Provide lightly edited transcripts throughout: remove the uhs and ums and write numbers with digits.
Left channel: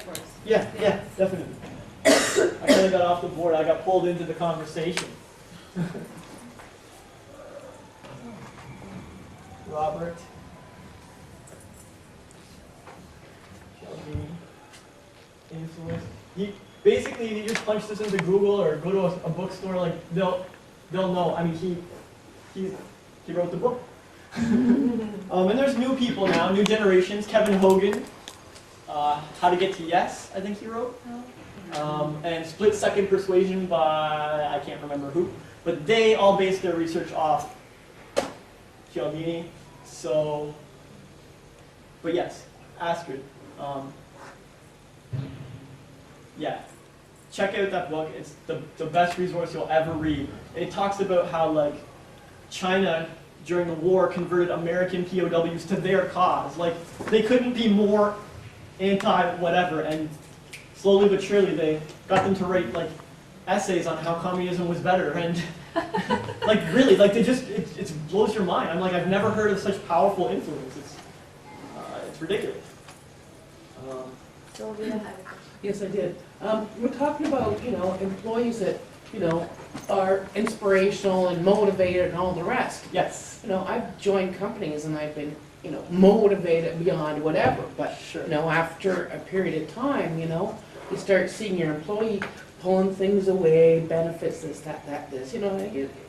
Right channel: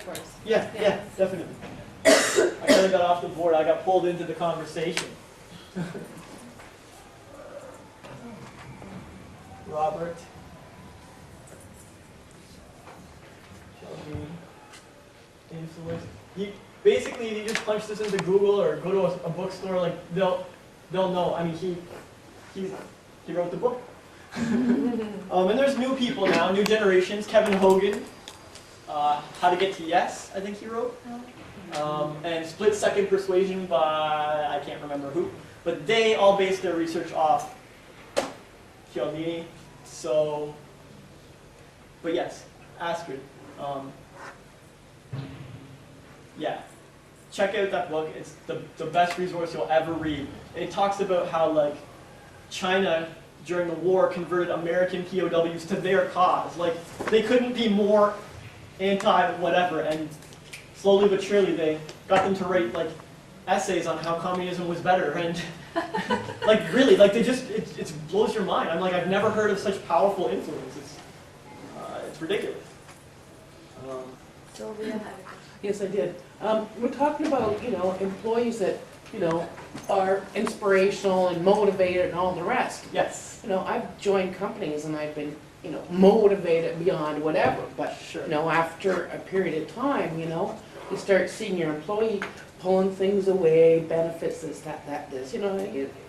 towards. Yeah, definitely. I kind of got off the board. I got pulled into the conversation. Robert. Shelby. Influence. Basically, if you just punch this into Google or go to a bookstore, like they'll know. I mean, he wrote the book. And there's new people now, new generations. Kevin Hogan, How to Get to Yes, I think he wrote. And Split Second Persuasion by, I can't remember who. But they all base their research off Cialdini. So, but yes, Astrid. Yeah, check out that book. It's the best resource you'll ever read. It talks about how like China during the war converted American POWs to their cause. Like they couldn't be more anti-whatever, and slowly but surely they got them to write like essays on how communism was better, and like really, like they just it blows your mind. I'm like, I've never heard of such powerful influence. It's ridiculous. Sylvia. Yes, I did. We're talking about, employees that, are inspirational and motivated and all the rest. Yes. I've joined companies and I've been, motivated beyond whatever. But, Sure. After a period of time, you start seeing your employee pulling things away, benefits, this, that, this.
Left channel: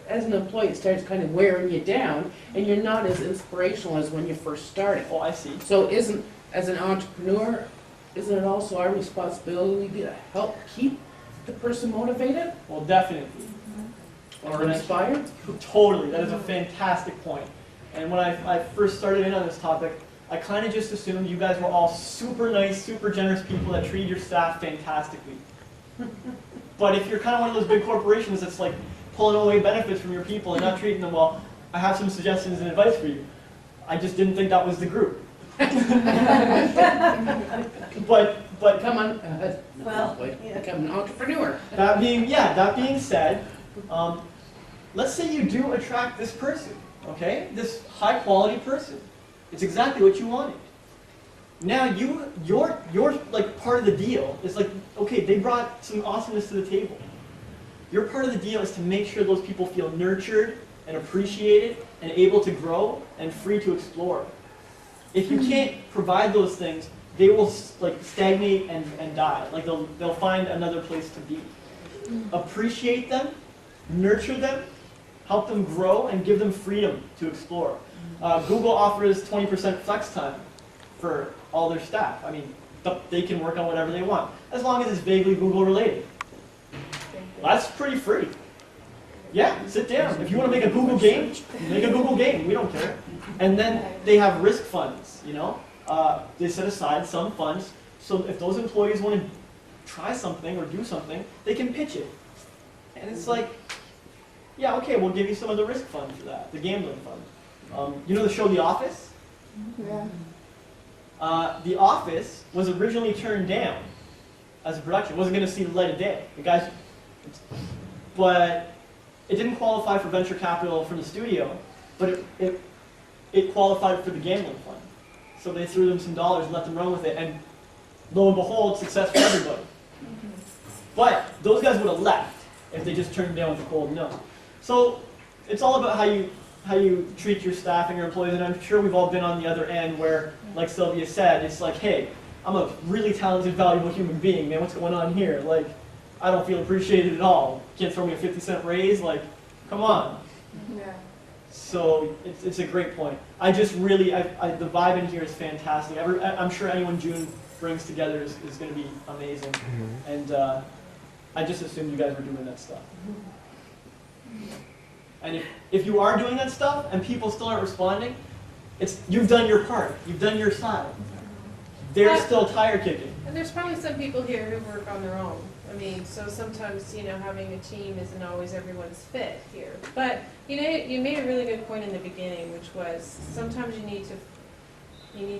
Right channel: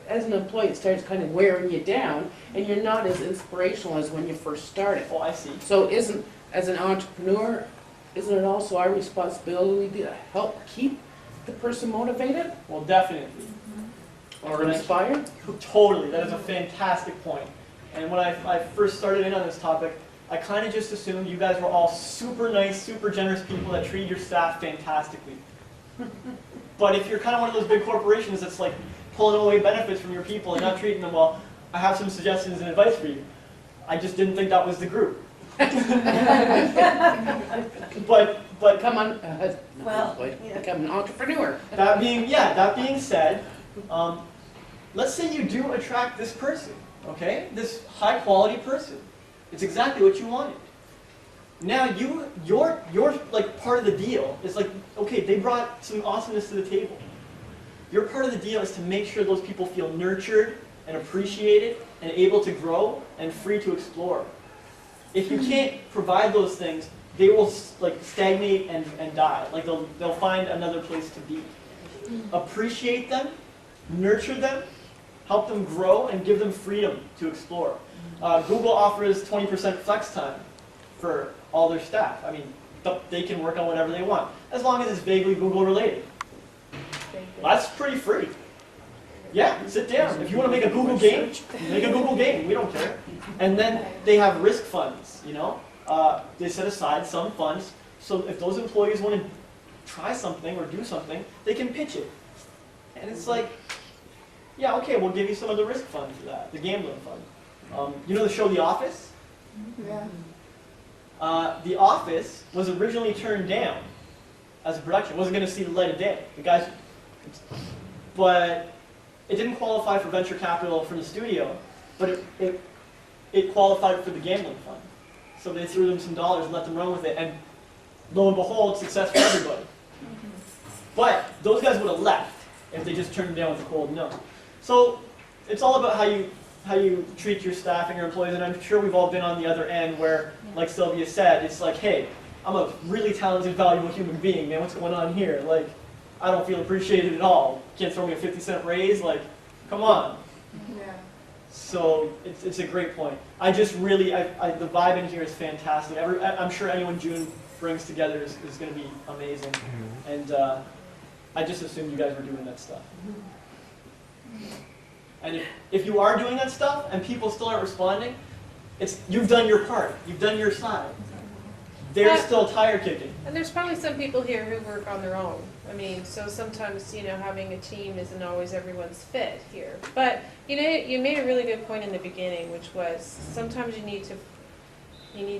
As an employee, it starts kind of wearing you down and you're not as inspirational as when you first started. Oh, I see. So as an entrepreneur, isn't it also our responsibility to help keep the person motivated Well, definitely. or inspired? Totally. That is a fantastic point. And when I first started in on this topic, I kind of just assumed you guys were all super nice, super generous people that treat your staff fantastically. But if you're kind of one of those big corporations that's like pulling away benefits from your people and not treating them well, I have some suggestions and advice for you. I just didn't think that was the group. but Become an, become an entrepreneur. that being said, let's say you do attract this person, okay? This high quality person. It's exactly what you wanted. Now you're like part of the deal. It's like, okay, they brought some awesomeness to the table. Your part of the deal is to make sure those people feel nurtured and appreciated and able to grow and free to explore. If you can't provide those things, they will like stagnate and die. Like they'll find another place to be. Appreciate them, nurture them, help them grow, and give them freedom to explore. Google offers 20% flex time for all their staff. I mean, they can work on whatever they want, as long as it's vaguely Google related. That's pretty free. Yeah, sit down. If you want to make a Google game, make a Google game. We don't care. And then they have risk funds, They set aside some funds, so if those employees want to try something or do something, they can pitch it. And it's like, yeah, okay, we'll give you some of the risk fund for that, the gambling fund. You know the show The Office? Yeah. The Office was originally turned down as a production. It wasn't going to see the light of day. The guys, but it didn't qualify for venture capital from the studio, but it qualified for the gambling fund. So they threw them some dollars and let them run with it, and lo and behold, success for everybody. But those guys would have left if they just turned them down with a cold no. So it's all about how you treat your staff and your employees, and I'm sure we've all been on the other end where, like Sylvia said, it's like, hey, I'm a really talented, valuable human being, man, what's going on here? Like, I don't feel appreciated at all. You can't throw me a 50-cent raise, like, come on. Yeah. So it's a great point. I just really, the vibe in here is fantastic. I'm sure anyone June brings together is going to be amazing. And I just assumed you guys were doing that stuff. And if you are doing that stuff and people still aren't responding, you've done your part. You've done your side. They're still tire kicking. And there's probably some people here who work on their own. I mean, so sometimes, having a team isn't always everyone's fit here. But, you made a really good point in the beginning, which was sometimes you need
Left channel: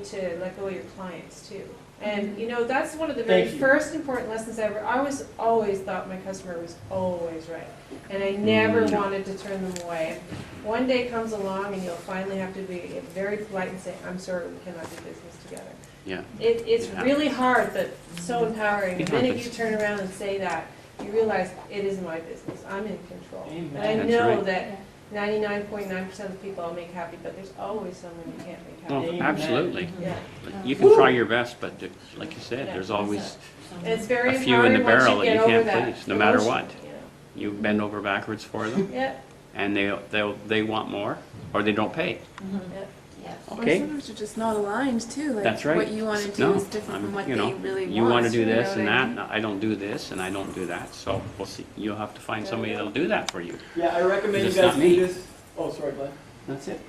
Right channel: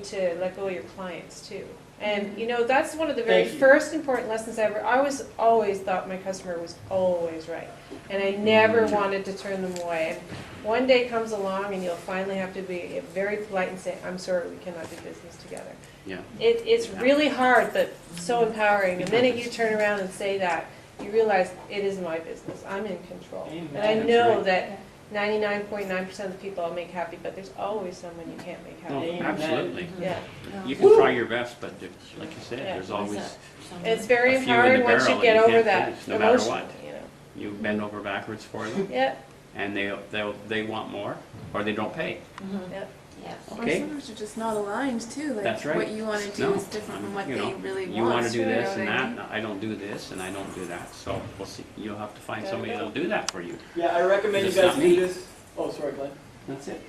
to let go of your clients too. And, you know, that's one of the very Thank you. first important lessons ever. I was always thought my customer was always right. And I never wanted to turn them away. And one day comes along and you'll finally have to be very polite and say, I'm sorry, we cannot do business together. Yeah. It's really hard, but so empowering. The It minute happens. you turn around and say that, you realize it is my business. I'm in control. Amen. And I That's know right. that 99.9% of the people I'll make happy, but there's always someone you can't make happy. Oh, Amen. absolutely. Yeah. You can try your best, but like you said, Yeah. there's always, And it's very A few in the empowering once barrel you that get you over can't that. please, no matter emotion, what. You know. you bend over backwards for them, Yeah, and they want more, or they don't pay. yeah. Yes. Or Okay? sometimes you're just not aligned too. Like That's right. what you want to do No, is different from what you know, they really you want. want to do you know this what and I that, mean? and I don't do this, and I don't do that, so we'll see, you'll have to find somebody that'll do that for you. Yeah, I recommend you It's guys not do me. this. Oh, sorry, Glenn. That's it.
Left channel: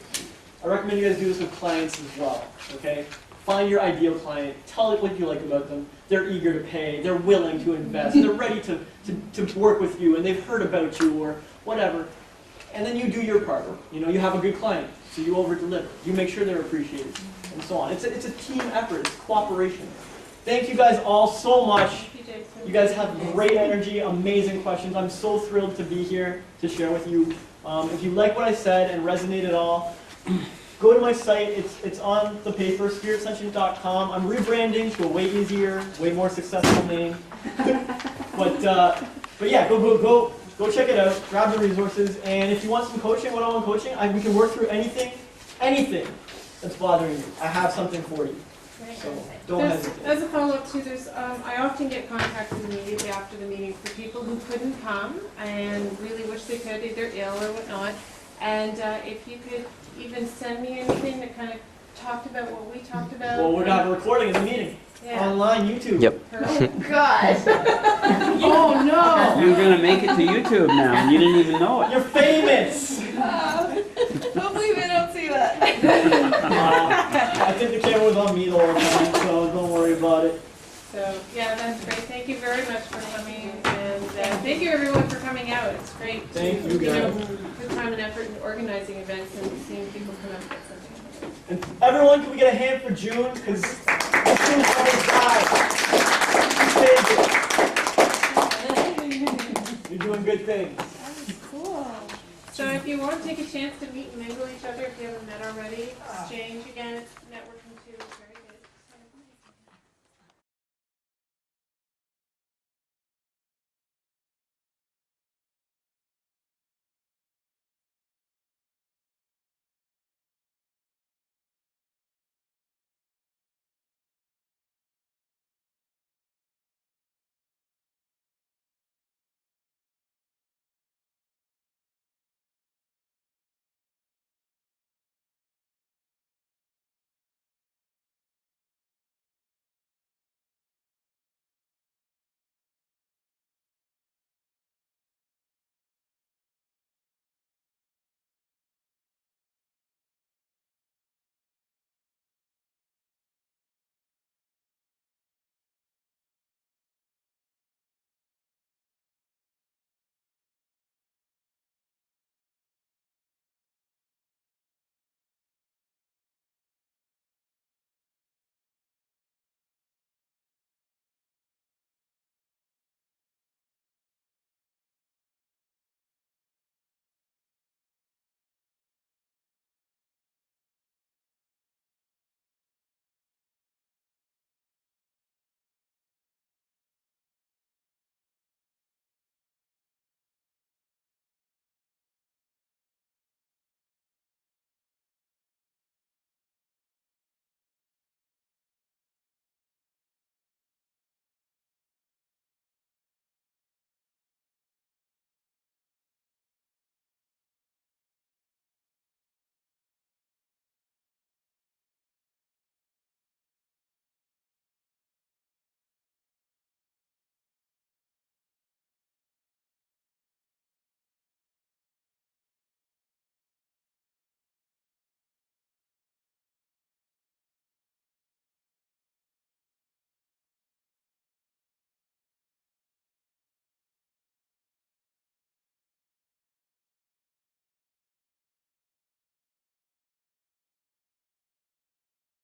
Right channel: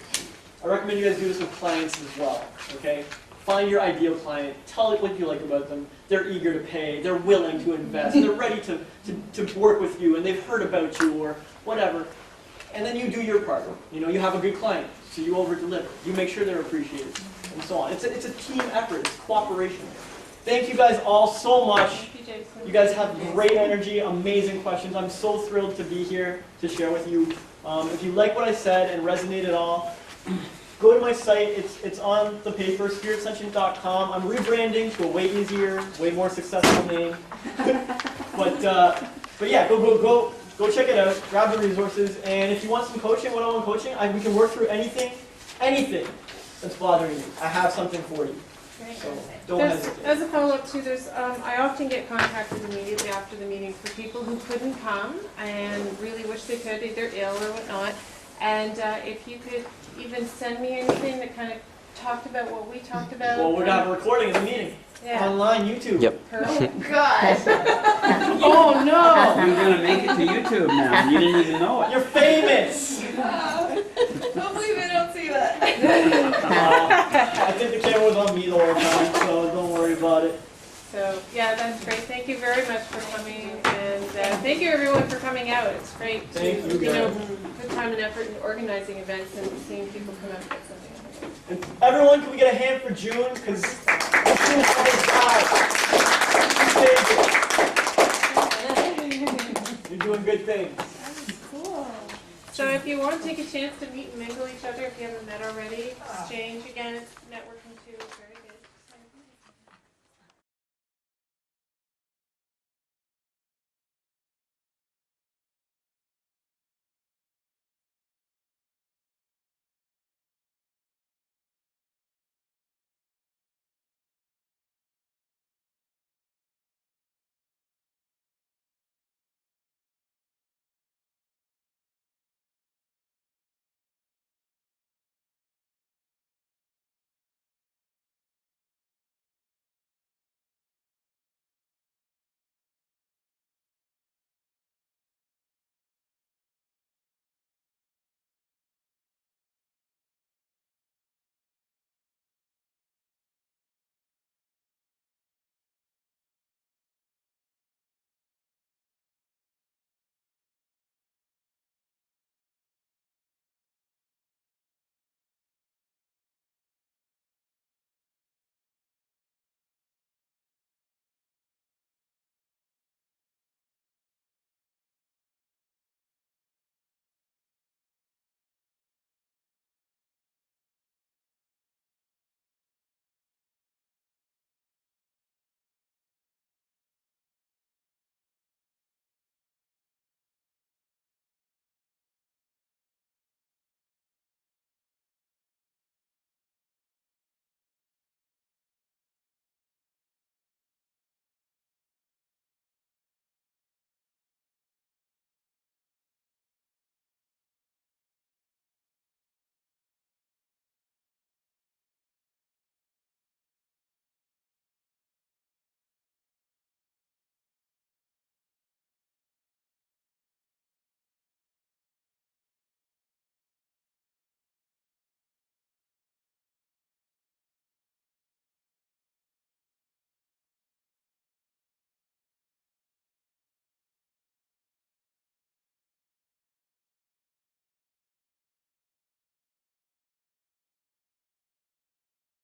I recommend you guys do this with clients as well, okay? Find your ideal client, tell it what you like about them. They're eager to pay, they're willing to invest, they're ready to work with you, and they've heard about you or whatever. And then you do your part. You know, you have a good client, so you over-deliver. You make sure they're appreciated, and so on. It's a team effort, it's cooperation. Thank you guys all so much. Thank you, Jason. You guys have great energy, amazing questions. I'm so thrilled to be here to share with you. If you like what I said and resonate at all, go to my site. It's on the paper, spiritsentient.com. I'm rebranding to a way easier, way more successful name. but yeah, go check it out. Grab the resources, and if you want some coaching, one-on-one coaching, we can work through anything that's bothering you. I have something for you. Great. So don't There's, hesitate. as a follow-up too, I often get contacted immediately after the meeting for people who couldn't come and really wish they could, either ill or whatnot. And if you could even send me anything that kind of talked about what we talked about. Well, we're gonna have a recording of the meeting Yeah. online, YouTube. Yep. Perfect. God. Oh, no! You're gonna make it to YouTube now, and you didn't even know it. You're famous. Hopefully they don't see that. I think the camera was on me the whole time, so don't worry about it. So, yeah, that's great. Thank you very much for coming, and thank you everyone for coming out. It's great to, Thank you, know, guys. put time and effort in organizing events and seeing people come out and get something. And everyone, can we get a hand for June? Because June always dies. You're doing good things. Cool. So if you want to take a chance to meet and mingle each other, if you haven't met already, exchange again, it's networking too. It's